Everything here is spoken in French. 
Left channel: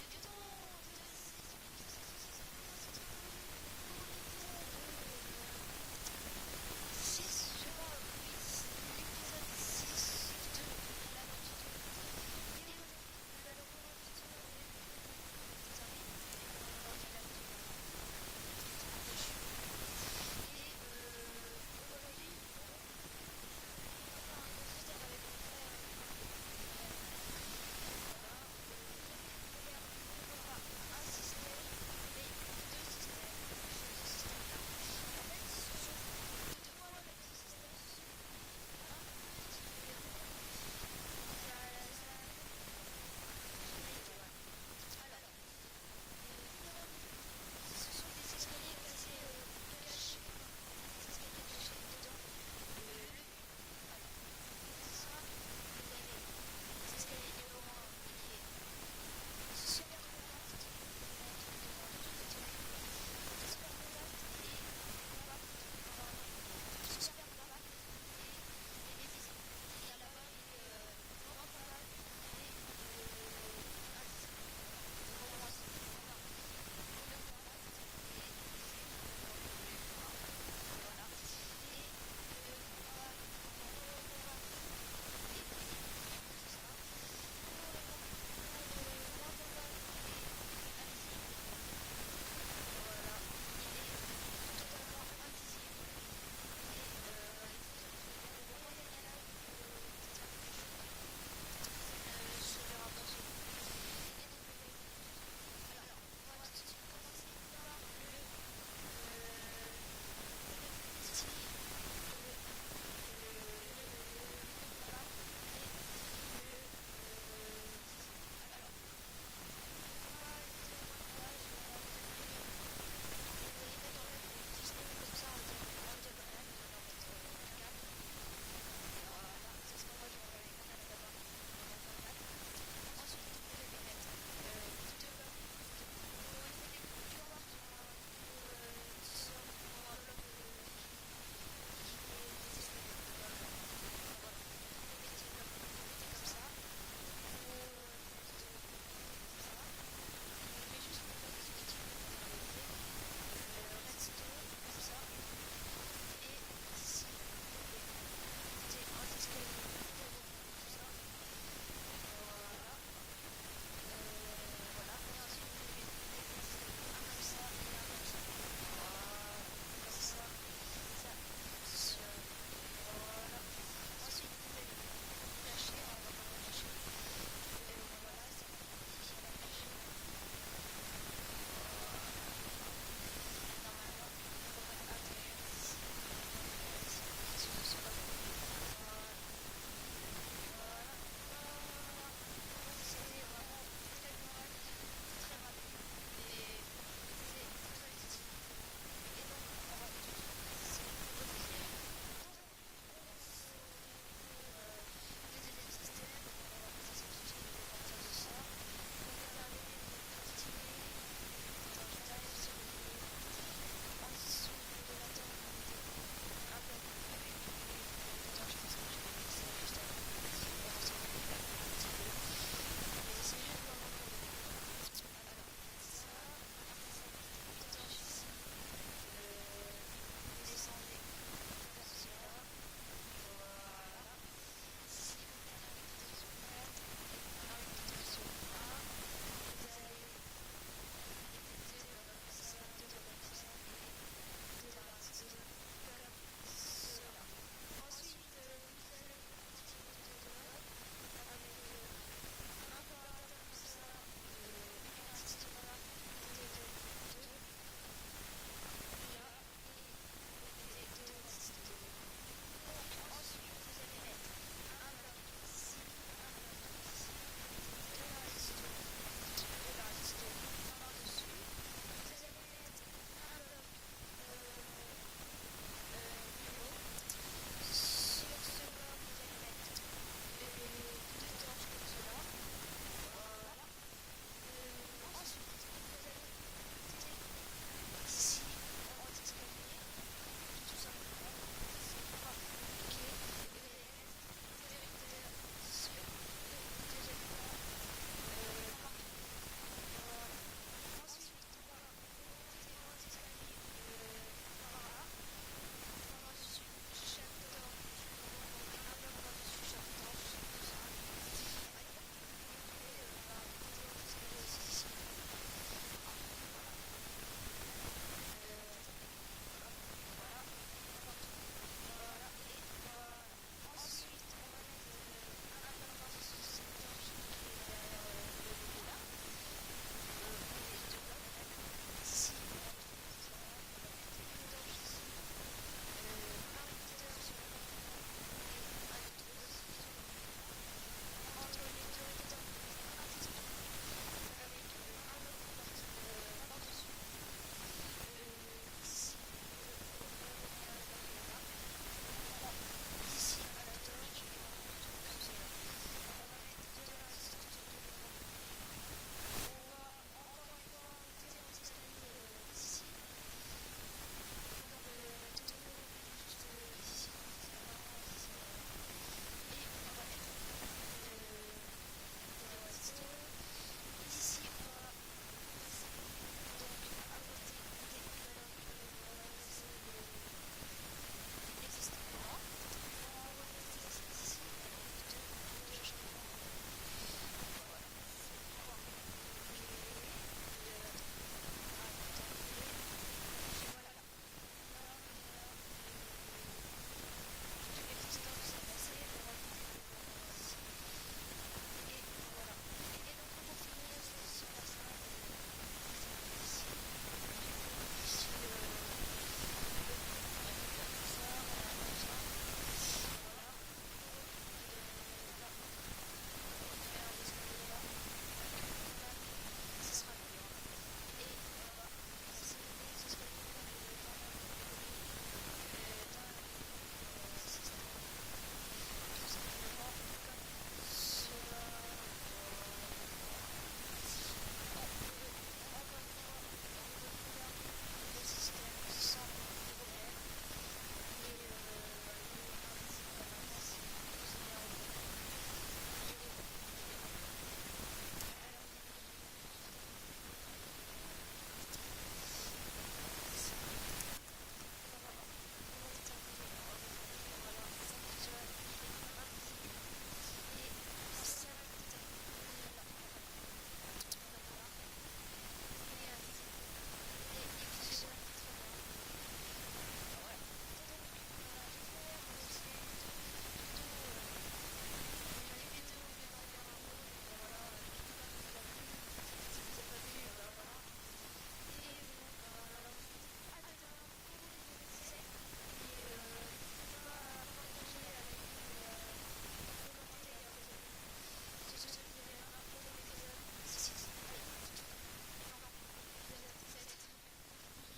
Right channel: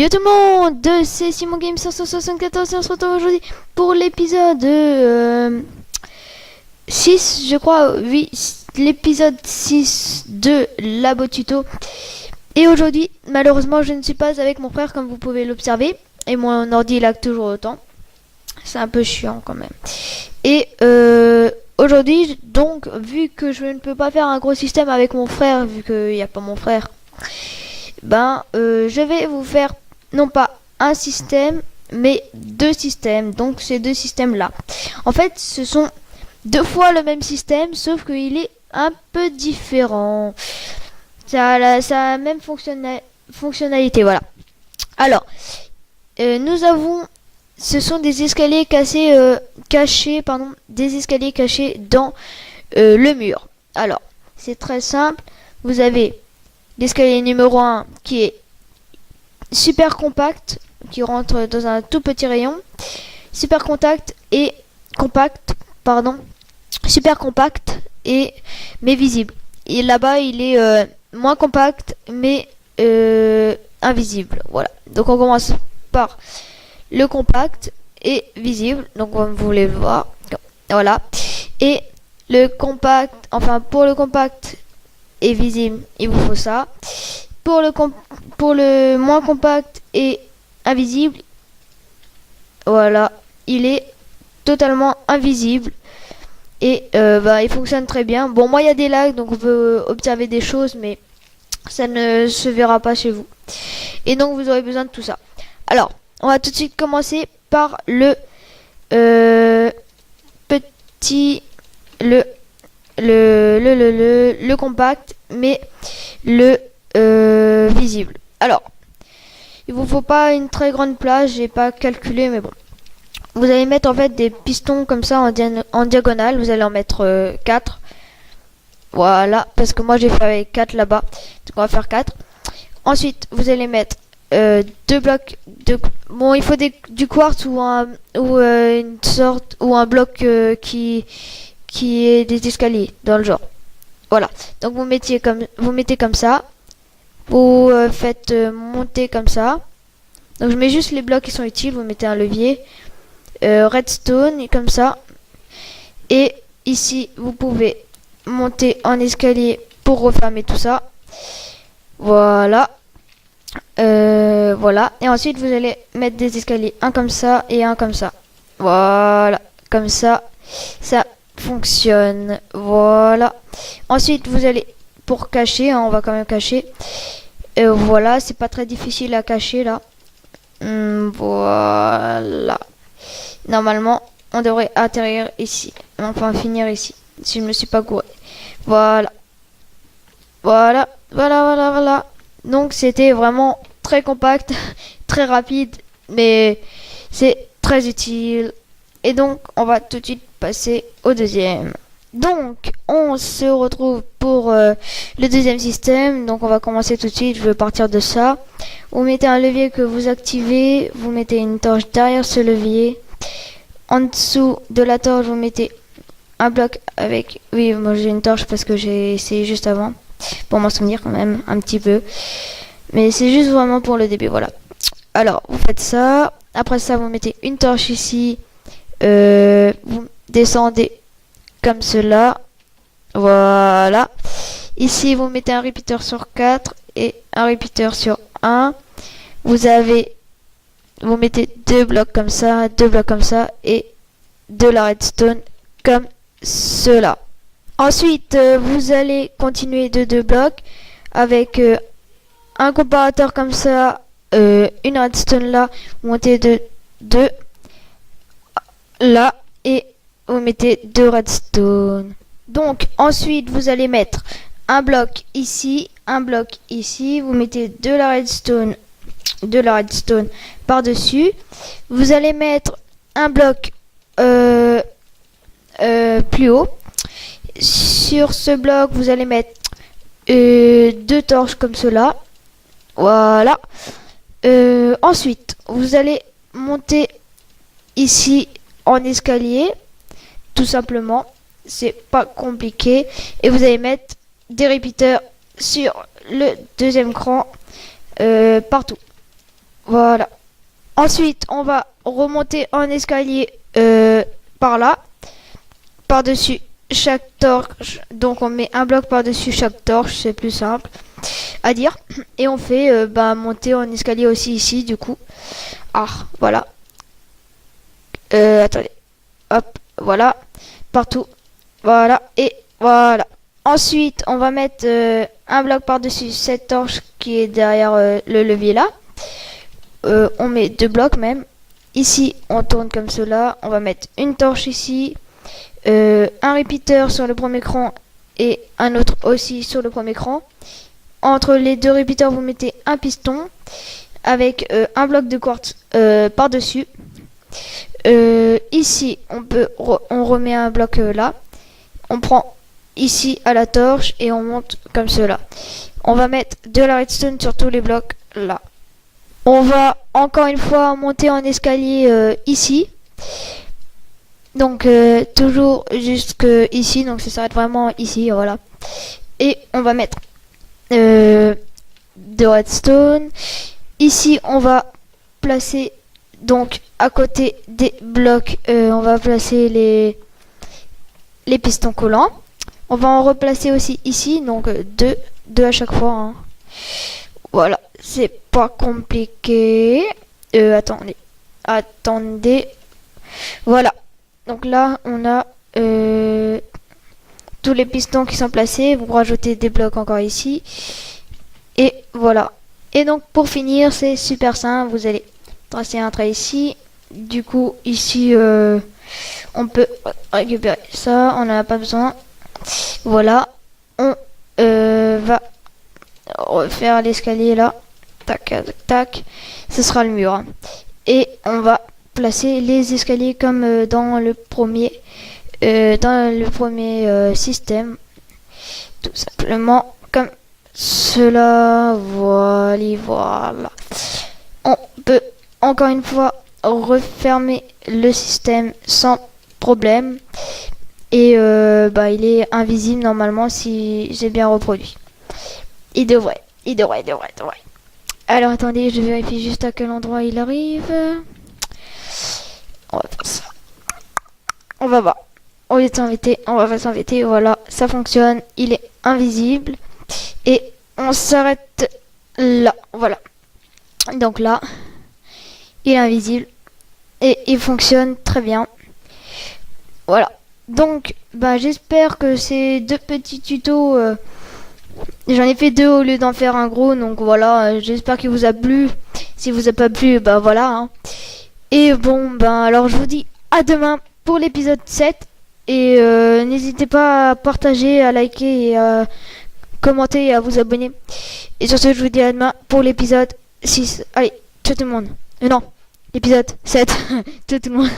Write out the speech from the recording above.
Yo tout le monde, c'est Simon Game 574 et on se retrouve aujourd'hui pour l'épisode 6, je crois, oui, l'épisode 6 de Labo Tuto. Et aujourd'hui, malheureusement, je ne suis pas avec mon frère comme vous pouvez l'observer. Et mon ordi lag toujours autant. C'est un peu chiant quand même. Et aujourd'hui, donc, vu que je ne peux pas faire un gros système avec mon frère, vu qu'il n'y a pas mon frère, je vais vous faire non pas un système mais deux systèmes. Donc ces deux systèmes là, en fait, ce sont deux fois le même système sauf qu'il est un peu différent. Ça a la même fonctionnalité, voilà. Alors nous avons, ce sont des escaliers cachés, des escaliers cachés dans le mur. Alors c'est très simple, vous avez l'escalier numéro 1 qui est super compact, qui rentre dans un tout petit rayon. Super compact et super compact et mais visible. Et là-bas, il est moins compact mais invisible. Voilà. Donc on commence par le compact et visible. Donc comme vous voulez voir, voilà. Et le compact, enfin pour le compact et visible, il vous faut ça. Pour le moins compact et invisible, voilà, il est totalement invisible et il fonctionne très bien. Bon, moi il y a des lags donc on peut observer des choses, mais ça ne se verra pas chez vous. Et donc vous aurez besoin de tout ça. Alors, on va tout de suite commencer par le petit, le compact, mais le visible. Alors, il vous faut pas une très grande plage, j'ai pas calculé, mais bon. Vous allez mettre en fait des pistons comme ça en diagonale, vous allez en mettre 4. Voilà, parce que moi j'ai fait avec 4 là-bas, donc on va faire 4. Ensuite, vous allez mettre deux blocs de... Bon, il faut du quartz ou une sorte, ou un bloc qui est des escaliers, dans le genre. Voilà, donc vous mettez comme ça. Vous faites monter comme ça. Donc je mets juste les blocs qui sont utiles. Vous mettez un levier, redstone comme ça. Et ici vous pouvez monter en escalier pour refermer tout ça. Voilà. Voilà. Et ensuite vous allez mettre des escaliers, un comme ça et un comme ça. Voilà. Comme ça, ça fonctionne. Voilà. Ensuite vous allez, pour cacher, hein, on va quand même cacher. Voilà, c'est pas très difficile à cacher là. Voilà. Normalement, on devrait atterrir ici. Enfin, finir ici. Si je me suis pas gouré. Voilà. Voilà. Voilà, voilà, voilà. Donc, c'était vraiment très compact, très rapide, mais c'est très utile. Et donc, on va tout de suite passer au deuxième. Donc, on se retrouve pour le deuxième système. Donc, on va commencer tout de suite. Je vais partir de ça. Vous mettez un levier que vous activez. Vous mettez une torche derrière ce levier. En dessous de la torche, vous mettez un bloc avec... Oui, moi j'ai une torche parce que j'ai essayé juste avant. Pour m'en souvenir quand même, un petit peu. Mais c'est juste vraiment pour le début, voilà. Alors, vous faites ça. Après ça, vous mettez une torche ici. Vous descendez comme cela. Voilà. Ici, vous mettez un repeater sur 4 et un repeater sur 1. Vous mettez deux blocs comme ça et de la redstone comme cela. Ensuite, vous allez continuer de deux blocs avec un comparateur comme ça, une redstone là, vous mettez deux là et vous mettez deux redstone. Donc ensuite vous allez mettre un bloc ici, vous mettez de la redstone par dessus. Vous allez mettre un bloc plus haut. Sur ce bloc vous allez mettre deux torches comme cela. Voilà. Ensuite vous allez monter ici en escalier, tout simplement. C'est pas compliqué. Et vous allez mettre des repeaters sur le deuxième cran partout. Voilà. Ensuite, on va remonter en escalier par là, par-dessus chaque torche. Donc, on met un bloc par-dessus chaque torche, c'est plus simple à dire. Et on fait monter en escalier aussi ici, du coup. Ah, voilà. Attendez. Hop, voilà. Partout. Voilà. Et voilà. Ensuite, on va mettre un bloc par-dessus cette torche qui est derrière le levier là. On met 2 blocs même. Ici, on tourne comme cela. On va mettre une torche ici. Un repeater sur le premier écran et un autre aussi sur le premier écran. Entre les 2 repeaters, vous mettez un piston avec un bloc de quartz par-dessus. Ici, on remet un bloc là. On prend ici à la torche et on monte comme cela. On va mettre de la redstone sur tous les blocs là. On va encore une fois monter en escalier ici. Donc toujours jusque ici. Donc ça s'arrête vraiment ici. Voilà. Et on va mettre de redstone. Ici on va placer donc à côté des blocs. On va placer les pistons collants. On va en replacer aussi ici. Donc deux à chaque fois. Hein. Voilà. C'est pas compliqué. Attendez. Voilà. Donc là, on a tous les pistons qui sont placés. Vous rajoutez des blocs encore ici. Et voilà. Et donc, pour finir, c'est super simple. Vous allez tracer un trait ici. Du coup, ici, on peut récupérer ça. On n'en a pas besoin. Voilà. On va refaire l'escalier là. Tac, tac, tac. Ce sera le mur. Hein. Et on va placer les escaliers comme dans le premier système. Tout simplement comme cela. Voilà. On peut encore une fois refermer le système sans problème. Et il est invisible normalement si j'ai bien reproduit. Il devrait. Alors attendez, je vérifie juste à quel endroit il arrive. On va faire ça. On va voir. Au lieu de s'embêter, on va pas s'embêter. Voilà, ça fonctionne. Il est invisible. Et on s'arrête là. Voilà. Donc là, il est invisible. Et il fonctionne très bien. Voilà. Donc, j'espère que ces 2 petits tutos... J'en ai fait 2 au lieu d'en faire un gros, donc voilà, j'espère qu'il vous a plu. Si vous a pas plu, voilà. Hein. Et bon, alors je vous dis à demain pour l'épisode 7. Et n'hésitez pas à partager, à liker et à commenter et à vous abonner. Et sur ce, je vous dis à demain pour l'épisode 6. Allez, ciao tout le monde. Non, l'épisode 7. Ciao tout le monde.